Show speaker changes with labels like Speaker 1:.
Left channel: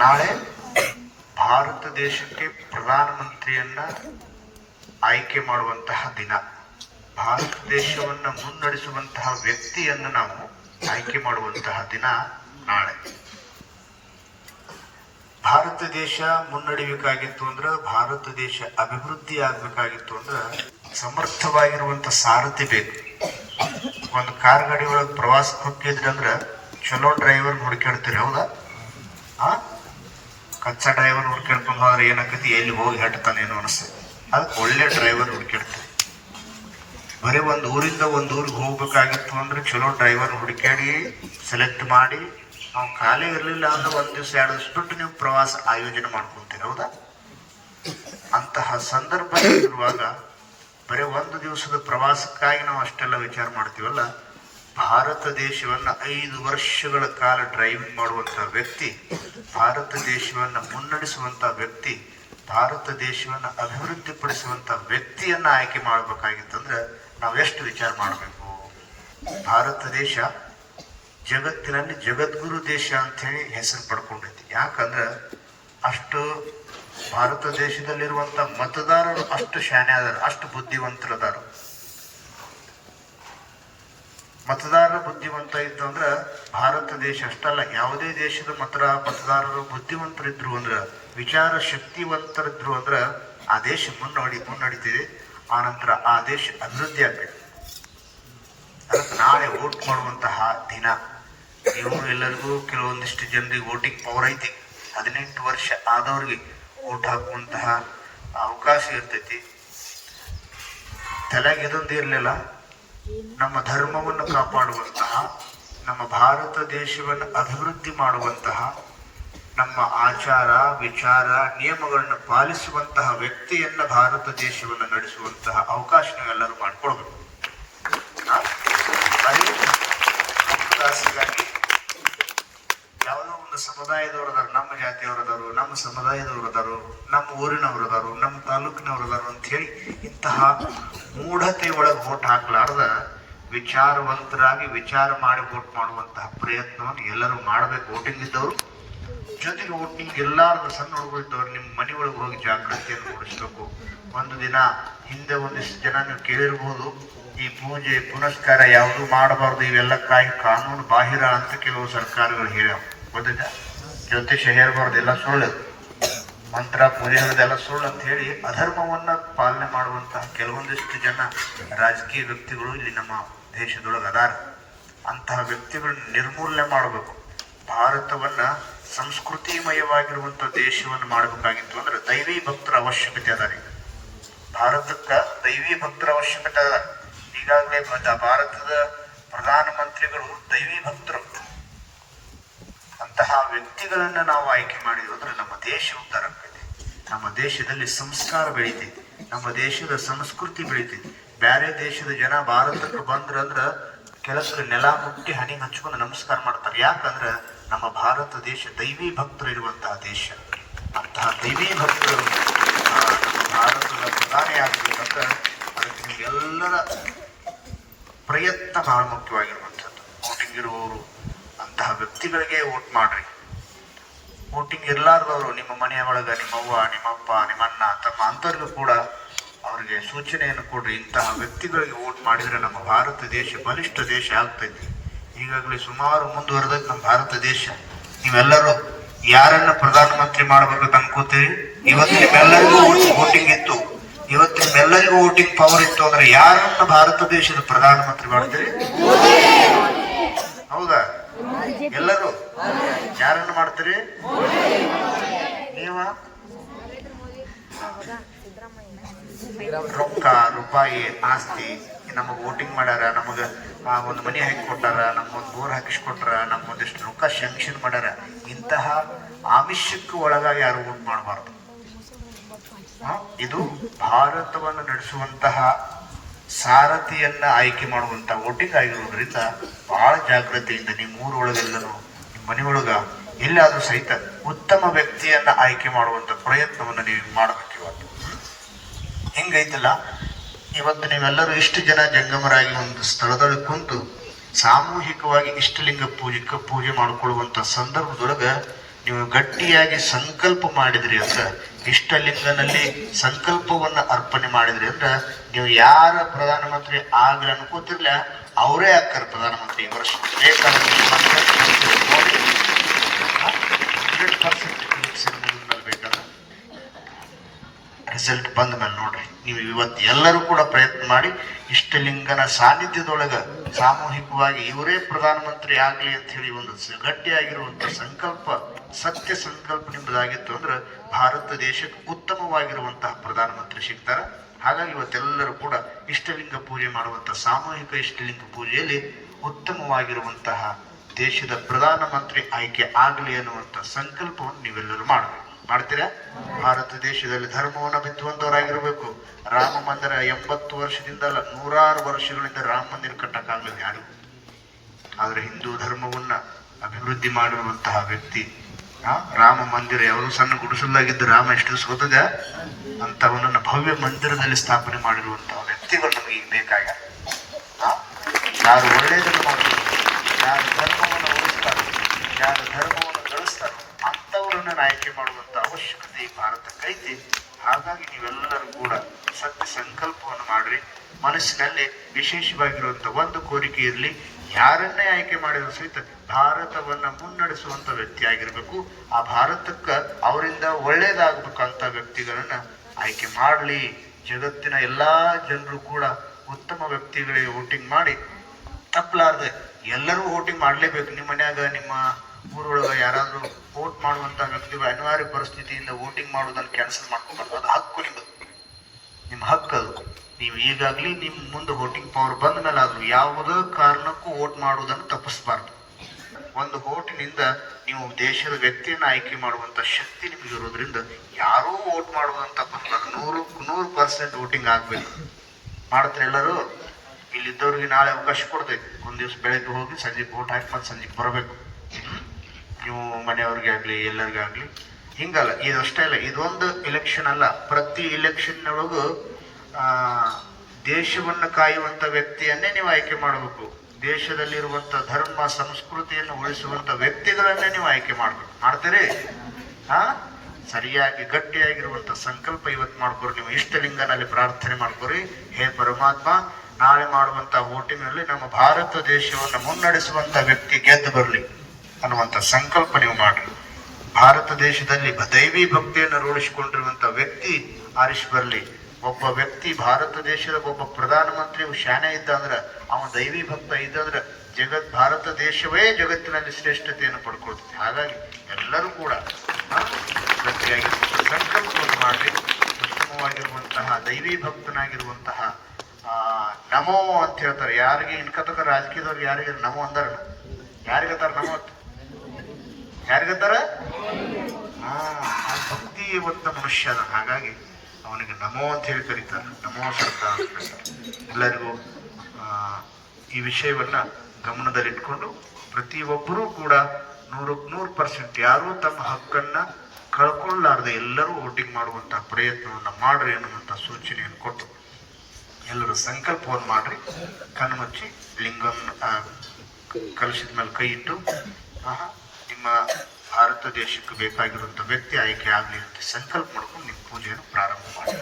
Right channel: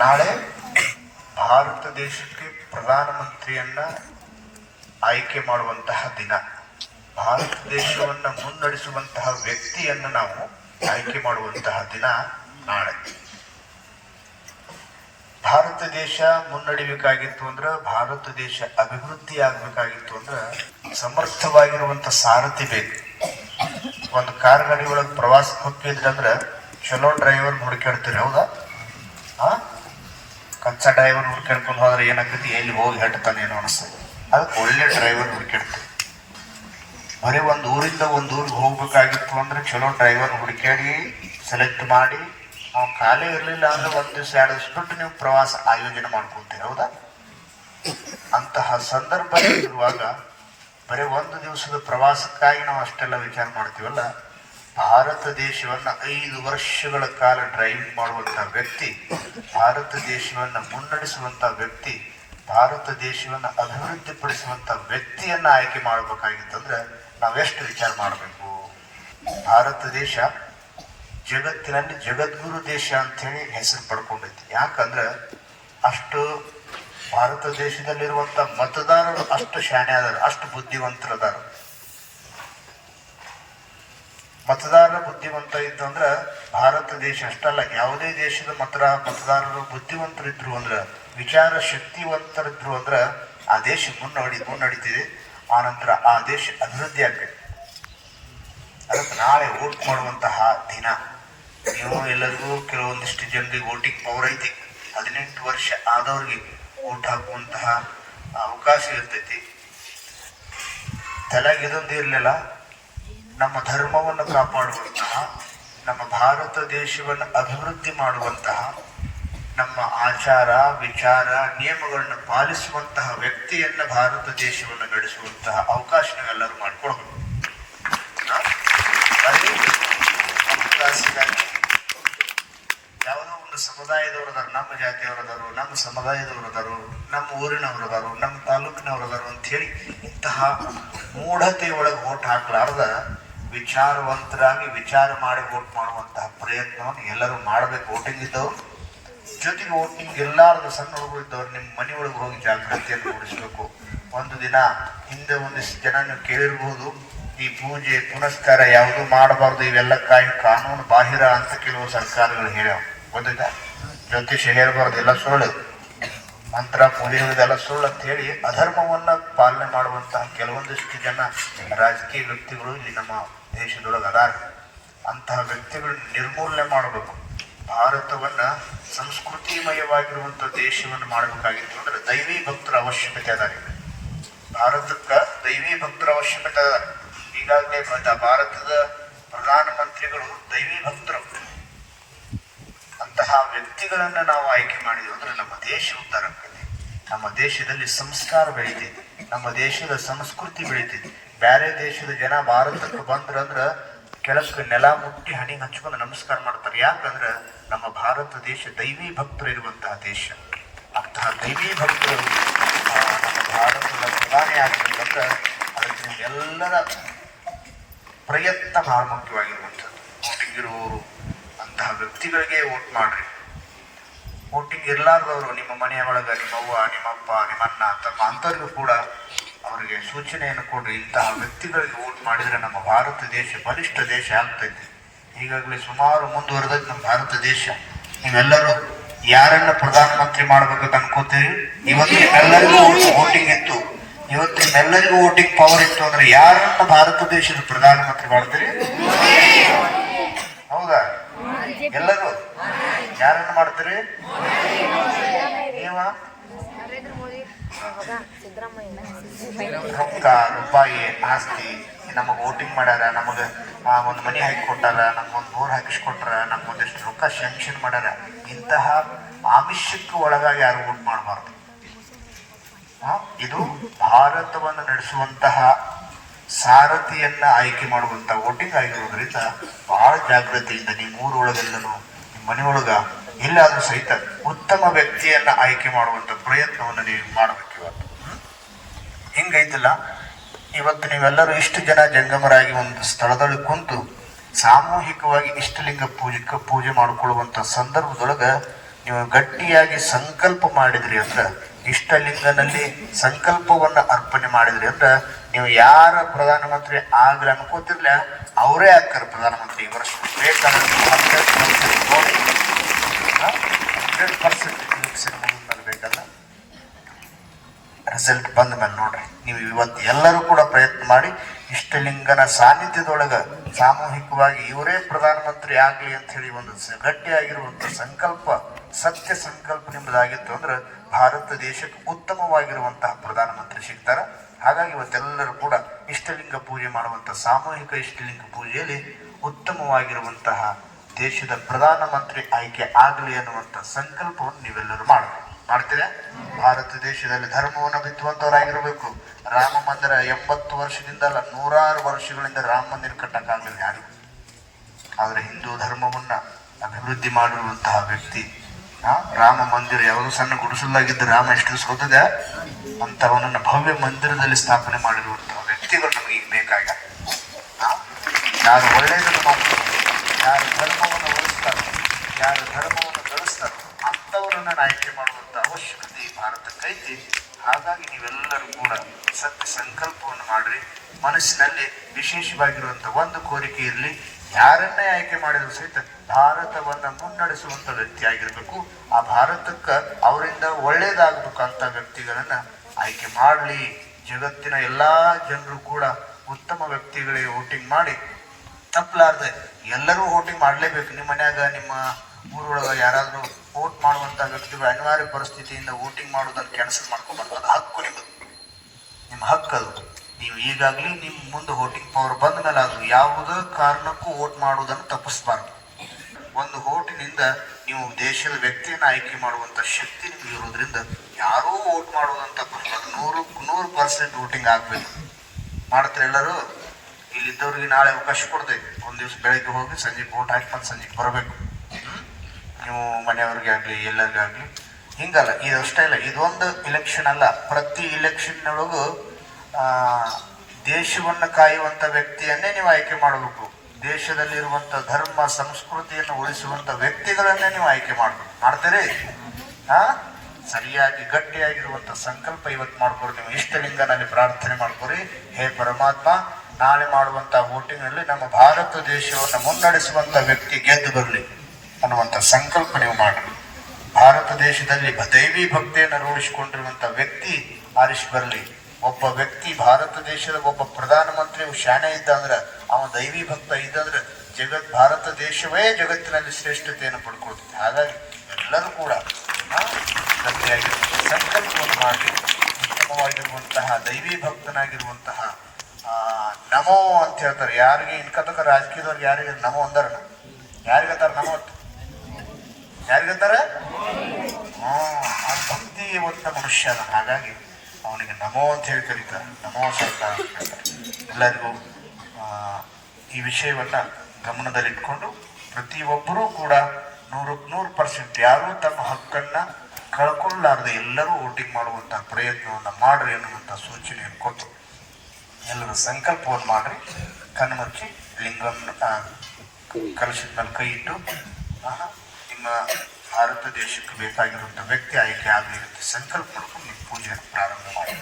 Speaker 1: ನಾಳೆ ಭಾರತ ದೇಶಕ್ಕೆ ಪ್ರಧಾನಮಂತ್ರಿಯನ್ನ ಆಯ್ಕೆ ಮಾಡುವಂತಹ ದಿನ. ಭಾರತ ದೇಶವನ್ನ ಮುನ್ನಡೆಸುವಂತಹ ವ್ಯಕ್ತಿಯನ್ನು ನಾವು ಆಯ್ಕೆ ಮಾಡುವಂತಹ ದಿನ ನಾಳೆ. ಭಾರತ ದೇಶ ಮುನ್ನಡಿಬೇಕಾಗಿತ್ತು ಅಂದ್ರೆ, ಭಾರತ ದೇಶ ಅಭಿವೃದ್ಧಿ ಆಗ್ಬೇಕಾಗಿತ್ತು ಅಂದ್ರೆ ಸಮರ್ಥವಾಗಿರುವಂತ ಸಾರಥಿ ಬೇಕು. ಒಂದು ಕಾರ್ ಗಾಡಿ ಒಳಗೆ ಪ್ರವಾಸಕ್ಕೆ ಹೋಗ್ತಿದ್ರಂದ್ರೆ ಚಲೋ ಡ್ರೈವರ್ ಹುಡುಕಾಡ್ತೀರಿ ಹೌದಾ? ಕಚ್ಚಾ ಡ್ರೈವರ್ ಹುಡುಕಾಡ್ಕೊಂಡು ಹೋದ್ರೆ ಏನಾಗ್ತೈತಿ, ಎಲ್ಲಿ ಹೋಗಿ ಹೆಟ್ತಾನೇನೋ ಅನಿಸ್ತದೆ ಅದಕ್ಕೆ ಒಳ್ಳೆ ಡ್ರೈವರ್ ಹುಡ್ಕಿಡ್ತೀವಿ ಬರೀ ಒಂದು ಊರಿಂದ ಒಂದು ಊರಿಗೆ ಹೋಗ್ಬೇಕಾಗಿತ್ತು ಅಂದ್ರೆ ಚಲೋ ಡ್ರೈವರ್ ಹುಡುಕಾಡಿ ಸೆಲೆಕ್ಟ್ ಮಾಡಿ ನಾವು ಖಾಲಿ ಇರಲಿಲ್ಲ ಅಂದ್ರೆ ಒಂದು ದಿವಸ, ಎರಡು ದಿವಸ ಬಿಟ್ಟು ನೀವು ಪ್ರವಾಸ ಆಯೋಜನೆ ಮಾಡ್ಕೊಂತೀರಿ, ಹೌದಾ? ಅಂತಹ ಸಂದರ್ಭ ಇರುವಾಗ ಬರೀ ಒಂದು ದಿವಸದ ಪ್ರವಾಸಕ್ಕಾಗಿ ನಾವು ಅಷ್ಟೆಲ್ಲ ವಿಚಾರ ಮಾಡ್ತೀವಲ್ಲ ಭಾರತ ದೇಶವನ್ನ ಐದು ವರ್ಷಗಳ ಕಾಲ ಡ್ರೈವಿಂಗ್ ಮಾಡುವಂಥ ವ್ಯಕ್ತಿ, ಭಾರತ ದೇಶವನ್ನ ಮುನ್ನಡೆಸುವಂತ ವ್ಯಕ್ತಿ, ಭಾರತ ದೇಶವನ್ನ ಅಭಿವೃದ್ಧಿಪಡಿಸುವಂಥ ವ್ಯಕ್ತಿಯನ್ನ ಆಯ್ಕೆ ಮಾಡಬೇಕಾಗಿತ್ತಂದ್ರೆ ನಾವೆಷ್ಟು ವಿಚಾರ ಮಾಡಬೇಕು? ಭಾರತ ದೇಶ ಜಗತ್ತಿನಲ್ಲಿ ಜಗದ್ಗುರು ದೇಶ ಅಂತ ಹೇಳಿ ಹೆಸರು ಪಡ್ಕೊಂಡೈತಿ ಯಾಕಂದ್ರೆ ಅಷ್ಟು ಭಾರತ ದೇಶದಲ್ಲಿರುವಂತ ಮತದಾರರು ಅಷ್ಟು ಶಾನೆ ಅದಾರ ಅಷ್ಟು ಬುದ್ಧಿವಂತರದಾರ. ಮತದಾರರ ಬುದ್ಧಿವಂತ ಇದ್ದು ಅಂದ್ರೆ ಭಾರತ ದೇಶ ಅಷ್ಟಲ್ಲ, ಯಾವುದೇ ದೇಶದ ಮತದ, ಮತದಾರರು ಬುದ್ಧಿವಂತರಿದ್ರು ಅಂದ್ರ, ವಿಚಾರ ಶಕ್ತಿವಂತರಿದ್ರು ಅಂದ್ರ, ಆ ದೇಶ ಮುನ್ನಡಿ, ಮುನ್ನಡಿತಿದೆ. ಆ ನಂತರ ಆ ದೇಶ ಅಭಿವೃದ್ಧಿ ಆಗ್ಬೇಕು. ಅದಕ್ಕೆ ನಾಳೆ ವೋಟ್ ಮಾಡುವಂತಹ ದಿನ. ನೀವು ಎಲ್ಲರಿಗೂ ಕೆಲವೊಂದಿಷ್ಟು ಜನರಿಗೆ ವೋಟಿಂಗ್ ಪವರ್ ಐತಿ. ಹದಿನೆಂಟು ವರ್ಷ ಆದವ್ರಿಗೆ ವೋಟ್ ಹಾಕುವಂತಹ ಅವಕಾಶ ಇರ್ತೈತಿ. ತಲೆಗೆ ಇದೊಂದು ಇರಲಿಲ್ಲ. ನಮ್ಮ ಧರ್ಮವನ್ನು ಕಾಪಾಡುವಂತಹ, ನಮ್ಮ ಭಾರತ ದೇಶವನ್ನು ಅಭಿವೃದ್ಧಿ ಮಾಡುವಂತಹ, ನಮ್ಮ ಆಚಾರ, ವಿಚಾರ, ನಿಯಮಗಳನ್ನು ಪಾಲಿಸುವಂತಹ ವ್ಯಕ್ತಿಯನ್ನ ಭಾರತ ದೇಶವನ್ನು ನಡೆಸುವಂತಹ ಅವಕಾಶ ನಾವೆಲ್ಲರೂ ಮಾಡಿಕೊಳ್ಬೇಕು ಆ? ಬರೀ ಅವಕಾಶಕ್ಕಾಗಿ ಯಾವುದೋ ಒಂದು ಸಮುದಾಯದವರು ಅದಾರು ನಮ್ಮ ಜಾತಿಯವರು ಅದಾರು ನಮ್ಮ ಸಮುದಾಯದವರು ಅದಾರು ನಮ್ಮ ಊರಿನವರು ಅದಾರು ನಮ್ಮ ತಾಲೂಕಿನವರು ಅದಾರು ಅಂತ ಹೇಳಿ ಇಂತಹ ಮೂಢತೆ ಒಳಗೆ ಓಟ್ ಹಾಕ್ಲಾರ್ದ ವಿಚಾರವಂತರಾಗಿ ವಿಚಾರ ಮಾಡಿ ವೋಟ್ ಮಾಡುವಂತಹ ಪ್ರಯತ್ನವನ್ನು ಎಲ್ಲರೂ ಮಾಡಬೇಕು. ವೋಟಿಂಗ್ ಇದ್ದವರು ಜೊತೆಗೆ ವೋಟಿಂಗ್ ಎಲ್ಲಾರದ ಸಣ್ಣ ಹುಡುಗರು ಇದ್ದವ್ರು ನಿಮ್ಮ ಮನೆ ಒಳಗೆ ಹೋಗಿ ಜಾಗೃತಿಯನ್ನು ಮೂಡಿಸಬೇಕು. ಒಂದು ದಿನ ಹಿಂದೆ ಒಂದಿಷ್ಟು ಜನ ನೀವು ಕೇಳಿರ್ಬೋದು, ಈ ಪೂಜೆ, ಪುನಸ್ಕಾರ ಯಾವುದು ಮಾಡಬಾರ್ದು ಕಾಯಿ, ಕಾನೂನು ಬಾಹಿರ ಅಂತ ಕೆಲವು ಸರ್ಕಾರಗಳು ಹೇಳ್ಯಾವ. ಗೊತ್ತಿದ್ದ ಜ್ಯೋತಿಷ ಎಲ್ಲ ಸುಳ್ಳು. ಮಂತ್ರ ಪೂಜೆಗಳಿದೆಲ್ಲ ಸುಳ್ಳು ಅಂತ ಹೇಳಿ ಅಧರ್ಮವನ್ನ ಪಾಲನೆ ಮಾಡುವಂತಹ ಕೆಲವೊಂದಿಷ್ಟು ಜನ ರಾಜಕೀಯ ವ್ಯಕ್ತಿಗಳು ಇಲ್ಲಿ ನಮ್ಮ ದೇಶದೊಳಗೆ ಅದಾರ. ಅಂತಹ ವ್ಯಕ್ತಿಗಳನ್ನ ನಿರ್ಮೂಲನೆ ಮಾಡಬೇಕು. ಭಾರತವನ್ನ ಸಂಸ್ಕೃತಿಮಯವಾಗಿರುವಂಥ ದೇಶವನ್ನು ಮಾಡಬೇಕಾಗಿತ್ತು ಅಂದ್ರೆ ದೈವಿ ಭಕ್ತರ ಅವಶ್ಯಕತೆ ಅದ ರೀ ಭಾರತಕ್ಕೆ ದೈವಿ ಭಕ್ತರ ಅವಶ್ಯಕತೆ ಅದ ಈಗಾಗಲೇ ಭಾರತದ ಪ್ರಧಾನಮಂತ್ರಿಗಳು ದೈವಿ ಭಕ್ತರು. ಅಂತಹ ವ್ಯಕ್ತಿಗಳನ್ನ ನಾವು ಆಯ್ಕೆ ಮಾಡಿದ್ವಿ ಅಂದ್ರೆ ನಮ್ಮ ದೇಶ ಉದ್ಧಾರ ನಮ್ಮ ದೇಶದಲ್ಲಿ ಸಂಸ್ಕಾರ ಬೆಳಿತೈತಿ. ನಮ್ಮ ದೇಶದ ಸಂಸ್ಕೃತಿ ಬೆಳಿತೈತಿ. ಬೇರೆ ದೇಶದ ಜನ ಭಾರತಕ್ಕೆ ಬಂದ್ರಂದ್ರ ಕೆಲಸದ ನೆಲ ಮುಟ್ಟಿ ಹಣಿ ಹಚ್ಕೊಂಡು ನಮಸ್ಕಾರ ಮಾಡ್ತಾರೆ. ಯಾಕಂದ್ರ ನಮ್ಮ ಭಾರತ ದೇಶ ದೈವಿ ಭಕ್ತರು ಇರುವಂತಹ ದೇಶ. ಅಂತಹ ದೈವಿ ಭಕ್ತರು ನಮ್ಮ ಭಾರತದ ಪ್ರಧಾನಿ ಆಗಿರುವಂತ ಅದಕ್ಕೆ ಎಲ್ಲರ ಪ್ರಯತ್ನ ಬಹಳ ಮುಖ್ಯವಾಗಿರುವಂಥದ್ದು ವೋಟಿಂಗ್ ಇರುವವರು ಅಂತಹ ವ್ಯಕ್ತಿಗಳಿಗೆ ವೋಟ್ ಮಾಡ್ರಿ. ವೋಟಿಂಗ್ ಇರಲಾರ್ದವರು, ನಿಮ್ಮ ಮನೆಯ ಒಳಗೆ ನಿಮ್ಮ ಅವ್ವ, ನಿಮ್ಮಪ್ಪ ನಿಮ್ಮ ಅಣ್ಣ ತಮ್ಮ ಅಂತರಿಗೂ ಕೂಡ ಅವರಿಗೆ ಸೂಚನೆಯನ್ನು ಕೊಡ್ರಿ. ಇಂತಹ ವ್ಯಕ್ತಿಗಳಿಗೆ ವೋಟ್ ಮಾಡಿದ್ರೆ ನಮ್ಮ ಭಾರತ ದೇಶ ಬಲಿಷ್ಠ ದೇಶ ಆಗ್ತೈತೆ. ಈಗಾಗಲೇ ಸುಮಾರು ಮುಂದುವರೆದೈತೆ ನಮ್ಮ ಭಾರತ ದೇಶ. ನೀವೆಲ್ಲರೂ ಯಾರನ್ನ ಪ್ರಧಾನಮಂತ್ರಿ ಮಾಡ್ಬೇಕಂತ ಅನ್ಕೋತೀರಿ? ಇವತ್ತು ನಿಮ್ಮೆಲ್ಲರಿಗೂ ವೋಟಿಂಗ್ ಇತ್ತು. ಇವತ್ತು ನಿಮ್ಮೆಲ್ಲರಿಗೂ ವೋಟಿಂಗ್ ಪವರ್ ಇತ್ತು ಅಂದ್ರೆ ಯಾರನ್ನ ಭಾರತ ದೇಶದ ಪ್ರಧಾನಮಂತ್ರಿ ಮಾಡ್ತೀರಿ? ಹೌದಾ? ಎಲ್ಲರೂ ಯಾರನ್ನು ಮಾಡ್ತೀರಿ? ನೀವ? ರೊಕ್ಕ, ರೂಪಾಯಿ, ಆಸ್ತಿ ನಮಗೆ ವೋಟಿಂಗ್ ಮಾಡ್ಯಾರ, ನಮಗೆ ಒಂದು ಮನೆ ಹಾಕಿ ಕೊಟ್ಟಾರ ನಮ್ಗೊಂದು ಬೋರ್ ಹಾಕಿಸ್ಕೊಟ್ರ ನಮ್ಗೊಂದಿಷ್ಟು ರೊಕ್ಕ ಶಾಂಕ್ಷನ್ ಮಾಡ್ಯಾರ. ಇಂತಹ ಆಮಿಷಕ್ಕೆ ಒಳಗಾಗಿ ಯಾರು ವೋಟ್ ಮಾಡಬಾರ್ದು? ಇದು ಭಾರತವನ್ನು ನಡೆಸುವಂತಹ ಸಾರಥಿಯನ್ನ ಆಯ್ಕೆ ಮಾಡುವಂತ ವೋಟಿಂಗ್ ಆಗಿರುವುದರಿಂದ ಬಹಳ ಜಾಗ್ರತೆಯಿಂದ ನಿಮ್ಮ ಊರೊಳಗೆಲ್ಲನೂ ನಿಮ್ಮ ಮನೆಯೊಳಗ ಎಲ್ಲಾದ್ರೂ ಸಹಿತ ಉತ್ತಮ ವ್ಯಕ್ತಿಯನ್ನ ಆಯ್ಕೆ ಮಾಡುವಂತ ಪ್ರಯತ್ನವನ್ನು ನೀವು ಮಾಡಬೇಕು ಇವತ್ತು. ಹಿಂಗೈತಲ್ಲ, ಇವತ್ತು ನೀವೆಲ್ಲರೂ ಇಷ್ಟು ಜನ ಜಂಗಮರಾಗಿ ಒಂದು ಸ್ಥಳದಲ್ಲಿ ಕುಂತು ಸಾಮೂಹಿಕವಾಗಿ ಇಷ್ಟಲಿಂಗ ಪೂಜೆ ಪೂಜೆ ಮಾಡಿಕೊಳ್ಳುವಂತ ಸಂದರ್ಭದೊಳಗೆ ನೀವು ಗಟ್ಟಿಯಾಗಿ ಸಂಕಲ್ಪ ಮಾಡಿದ್ರಿ ಅಂತ ಇಷ್ಟಲಿಂಗನಲ್ಲಿ ಸಂಕಲ್ಪವನ್ನ ಅರ್ಪಣೆ ಮಾಡಿದ್ರಿ ಅಂದ್ರೆ ನೀವು ಯಾರ ಪ್ರಧಾನಮಂತ್ರಿ ಆಗ್ಲಿ ಅನ್ಕೋತಿರ್ಲ, ಅವರೇ ಆಗ್ತಾರೆ ಪ್ರಧಾನಮಂತ್ರಿ ಈ ವರ್ಷ. ನೋಡಿ. ರಿಸಲ್ಟ್ ಬಂದ ಮೇಲೆ ನೋಡ್ರಿ. ನೀವು ಇವತ್ತು ಎಲ್ಲರೂ ಕೂಡ ಪ್ರಯತ್ನ ಮಾಡಿ ಇಷ್ಟಲಿಂಗನ ಸಾನ್ನಿಧ್ಯದೊಳಗ ಸಾಮೂಹಿಕವಾಗಿ ಇವರೇ ಪ್ರಧಾನಮಂತ್ರಿ ಆಗ್ಲಿ ಅಂತ ಹೇಳಿ ಒಂದು ಗಟ್ಟಿಯಾಗಿರುವಂತ ಸಂಕಲ್ಪ ಸತ್ಯ ಸಂಕಲ್ಪ ನಿಮ್ಮದಾಗಿತ್ತು ಅಂದ್ರೆ ಭಾರತ ದೇಶಕ್ಕೆ ಉತ್ತಮವಾಗಿರುವಂತಹ ಪ್ರಧಾನಮಂತ್ರಿ ಸಿಗ್ತಾರ. ಹಾಗಾಗಿ ಇವತ್ತೆಲ್ಲರೂ ಕೂಡ ಇಷ್ಟಲಿಂಗ ಪೂಜೆ ಮಾಡುವಂತಹ ಸಾಮೂಹಿಕ ಇಷ್ಟಲಿಂಗ ಪೂಜೆಯಲ್ಲಿ ಉತ್ತಮವಾಗಿರುವಂತಹ ದೇಶದ ಪ್ರಧಾನಮಂತ್ರಿ ಆಯ್ಕೆ ಆಗಲಿ ಅನ್ನುವಂತ ಸಂಕಲ್ಪವನ್ನು ನೀವೆಲ್ಲರೂ ಮಾಡಬೇಕು. ಮಾಡ್ತೀರಾ? ಭಾರತ ದೇಶದಲ್ಲಿ ಧರ್ಮವನ್ನು ಬಿತ್ತುವಂತವರಾಗಿರಬೇಕು. ರಾಮ ಮಂದಿರ ಎಂಬತ್ತು ವರ್ಷದಿಂದ ಅಲ್ಲ ನೂರಾರು ವರ್ಷಗಳಿಂದ ರಾಮ ಮಂದಿರ ಕಟ್ಟಕ್ಕಾಗಲಿ ಯಾರು ಆದ್ರೆ ಹಿಂದೂ ಧರ್ಮವನ್ನ ಅಭಿವೃದ್ಧಿ ಮಾಡಿರುವಂತಹ ವ್ಯಕ್ತಿ ರಾಮ ಮಂದಿರ ಯಾವನು ಸಣ್ಣ ಗುಡಿಸಲಾಗಿದ್ದು ರಾಮ ಎಷ್ಟು ಸೋತದ ಅಂತವನನ್ನ ಭವ್ಯ ಮಂದಿರದಲ್ಲಿ ಸ್ಥಾಪನೆ ಮಾಡಿರುವಂತಹ ವ್ಯಕ್ತಿಗಳು ನಮಗೆ ಈಗ ಬೇಕಾಗ. ಯಾರು ಒಳ್ಳೆಯದನ್ನು ಮಾಡ್ತಾರೆ, ಯಾರು ಧರ್ಮವನ್ನು ಉಳಿಸ್ತಾರೆ, ಯಾರು ಧರ್ಮವನ್ನು ಗಳಿಸ್ತಾರೆ ಅಂಥವರನ್ನ ಆಯ್ಕೆ ಮಾಡುವಂತ ಅವಶ್ಯಕತೆ ಈ ಭಾರತಕ್ಕೈತಿ ಹಾಗಾಗಿ ನೀವೆಲ್ಲರೂ ಕೂಡ ಸತ್ಯ ಸಂಕಲ್ಪವನ್ನು ಮಾಡ್ರಿ. ಮನಸ್ಸಿನಲ್ಲಿ ವಿಶೇಷವಾಗಿರುವಂತ ಒಂದು ಕೋರಿಕೆ ಇರಲಿ. ಯಾರನ್ನೇ ಆಯ್ಕೆ ಮಾಡಿದ್ರು ಸಹಿತ ಭಾರತವನ್ನ ಮುನ್ನಡೆಸುವಂತ ವ್ಯಕ್ತಿ ಆಗಿರಬೇಕು. ಆ ಭಾರತಕ್ಕೆ ಅವರಿಂದ ಒಳ್ಳೇದಾಗಬೇಕಂತ ವ್ಯಕ್ತಿಗಳನ್ನ ಆಯ್ಕೆ ಮಾಡಲಿ. ಜಗತ್ತಿನ ಎಲ್ಲಾ ಜನರು ಕೂಡ ಉತ್ತಮ ವ್ಯಕ್ತಿಗಳಿಗೆ ವೋಟಿಂಗ್ ಮಾಡಿ. ತಪ್ಪಲಾರ್ದೆ ಎಲ್ಲರೂ ವೋಟಿಂಗ್ ಮಾಡಲೇಬೇಕು. ನಿಮ್ಮ ಮನ್ಯಾಗ ನಿಮ್ಮ ಊರೊಳಗೆ ಯಾರಾದರೂ ವೋಟ್ ಮಾಡುವಂತ ವ್ಯಕ್ತಿಗಳು ಅನಿವಾರ್ಯ ಪರಿಸ್ಥಿತಿಯಿಂದ ವೋಟಿಂಗ್ ಮಾಡೋದನ್ನ ಕ್ಯಾನ್ಸಲ್ ಮಾಡ್ಕೊಬಾರ್ದು ಅದು ಹಕ್ಕು ನಿಮ್ಮದು ನಿಮ್ಮ ಹಕ್ಕು ಅದು. ನೀವು ಈಗಾಗಲೇ ನಿಮ್ಮ ಮುಂದೆ ವೋಟಿಂಗ್ ಪವರ್ ಬಂದ ಮೇಲೆ ಅದು ಯಾವುದೇ ಕಾರಣಕ್ಕೂ ವೋಟ್ ಮಾಡುವುದನ್ನು ತಪ್ಪಿಸಬಾರ್ದು. ಒಂದು ಓಟಿನಿಂದ ನೀವು ದೇಶದ ವ್ಯಕ್ತಿಯನ್ನು ಆಯ್ಕೆ ಮಾಡುವಂತ ಶಕ್ತಿ ನಿಮಗೆ ಇರೋದ್ರಿಂದ ಯಾರೂ ಓಟ್ ಮಾಡುವಂಥ ಪರವಾಗಿಲ್ಲ ನೂರು ನೂರು ಪರ್ಸೆಂಟ್ ವೋಟಿಂಗ್ ಆಗಬೇಕು. ಮಾಡ್ತಾರೆ ಎಲ್ಲರೂ? ಇಲ್ಲಿದ್ದವ್ರಿಗೆ ನಾಳೆ ಅವಕಾಶ ಕೊಡ್ತೇವೆ. ಒಂದು ದಿವಸ ಬೆಳಗ್ಗೆ ಹೋಗಿ ಸಂಜೆ ಓಟ್ ಹಾಕಿ ಮತ್ತೆ ಸಂಜೆಗೆ ಬರಬೇಕು. ನೀವು ಮನೆಯವ್ರಿಗೆ ಆಗಲಿ ಎಲ್ಲರಿಗಾಗಲಿ ಹಿಂಗಲ್ಲ, ಇದು ಅಷ್ಟೇ ಇಲ್ಲ ಇದೊಂದು ಎಲೆಕ್ಷನ್ ಅಲ್ಲ. ಪ್ರತಿ ಎಲೆಕ್ಷನ್ನೊಳಗೂ ದೇಶವನ್ನು ಕಾಯುವಂಥ ವ್ಯಕ್ತಿಯನ್ನೇ ನೀವು ಆಯ್ಕೆ ಮಾಡಬೇಕು. ದೇಶದಲ್ಲಿರುವಂಥ ಧರ್ಮ, ಸಂಸ್ಕೃತಿಯನ್ನು ಉಳಿಸುವಂಥ ವ್ಯಕ್ತಿಗಳನ್ನೇ ನೀವು ಆಯ್ಕೆ ಮಾಡಬೇಕು ಮಾಡ್ತೀರಿ? ಹಾ? ಸರಿಯಾಗಿ, ಗಟ್ಟಿಯಾಗಿರುವಂಥ ಸಂಕಲ್ಪ ಇವತ್ತು ಮಾಡ್ಕೊರಿ. ನೀವು ಇಷ್ಟಲಿಂಗನಲ್ಲಿ ಪ್ರಾರ್ಥನೆ ಮಾಡ್ಕೊರಿ. ಹೇ ಪರಮಾತ್ಮ, ನಾಳೆ ಮಾಡುವಂಥ ವೋಟಿಂಗ್ನಲ್ಲಿ ನಮ್ಮ ಭಾರತ ದೇಶವನ್ನು ಮುನ್ನಡೆಸುವಂಥ ವ್ಯಕ್ತಿ ಗೆದ್ದು ಬರಲಿ ಅನ್ನುವಂಥ ಸಂಕಲ್ಪ ನೀವು ಮಾಡ್ರಿ. ಭಾರತ ದೇಶದಲ್ಲಿ ದೈವಿ ಭಕ್ತಿಯನ್ನು ರೂಢಿಸಿಕೊಂಡಿರುವಂಥ ವ್ಯಕ್ತಿ ಆರಿಸಿ ಬರಲಿ. ಒಬ್ಬ ವ್ಯಕ್ತಿ ಭಾರತ ದೇಶದ ಒಬ್ಬ ಪ್ರಧಾನಮಂತ್ರಿಯು ಶಾಣೆ ಇದ್ದ ಅಂದ್ರೆ ಅವ ದೈವಿ ಭಕ್ತ ಇದ್ದಂದ್ರೆ, ಜಗತ್ ಭಾರತ ದೇಶವೇ ಜಗತ್ತಿನಲ್ಲಿ ಶ್ರೇಷ್ಠತೆಯನ್ನು ಪಡ್ಕೊಳ್ತದೆ. ಹಾಗಾಗಿ ಎಲ್ಲರೂ ಕೂಡ ಗಟ್ಟಿಯಾಗಿ ಸಂಕಲ್ಪವನ್ನು ಮಾಡಿ, ಉತ್ತಮವಾಗಿರುವಂತಹ, ದೈವಿ ಭಕ್ತನಾಗಿರುವಂತಹ ನಮೋ ಅಂತ ಹೇಳ್ತಾರೆ. ಯಾರಿಗೆ ಇನ್ಕತಕ ರಾಜಕೀಯದವ್ರು ಯಾರಿಗೆ ನಮೋ ಅಂದಾರ ಯಾರಿಗತ್ತಾರ ನಮೋ ಅಂತ? ಯಾರಿಗತ್ತಾರ ಹಾ ಆ ಭಕ್ತಿ ಇವತ್ತ ಮನುಷ್ಯ ಹಾಗಾಗಿ ಅವನಿಗೆ ನಮೋ ಅಂತ ಹೇಳಿ ಕರೀತಾರೆ ನಮೋ ಸರ್ಕಾರ. ಎಲ್ಲರಿಗೂ ಈ ವಿಷಯವನ್ನ ಗಮನದಲ್ಲಿಟ್ಕೊಂಡು ಪ್ರತಿಯೊಬ್ಬರೂ ಕೂಡ ನೂರಕ್ಕೆ ನೂರು ಪರ್ಸೆಂಟ್ ಯಾರೂ ತಮ್ಮ ಹಕ್ಕನ್ನ ಕಳ್ಕೊಳ್ಳಾರದೆ ಎಲ್ಲರೂ ವೋಟಿಂಗ್ ಮಾಡುವಂತಹ ಪ್ರಯತ್ನವನ್ನ ಮಾಡ್ರಿ ಅನ್ನುವಂಥ ಸೂಚನೆಯನ್ನು ಕೊಟ್ಟು ಎಲ್ಲರೂ ಸಂಕಲ್ಪವನ್ನು ಮಾಡ್ರಿ ಕಣ್ಣು ಮುಚ್ಚಿ ಲಿಂಗವನ್ನು ಕಲಶದ ಮೇಲೆ ಕೈ ಇಟ್ಟು ನಿಮ್ಮ ಭಾರತ ದೇಶಕ್ಕೆ ಬೇಕಾಗಿರುವಂಥ ವ್ಯಕ್ತಿ ಆಯ್ಕೆ ಆಗಲಿ ಅಂತ ಸಂಕಲ್ಪ ನಿಮ್ಮ ಪೂಜೆಯನ್ನು ಪ್ರಾರಂಭ ಮಾಡಿ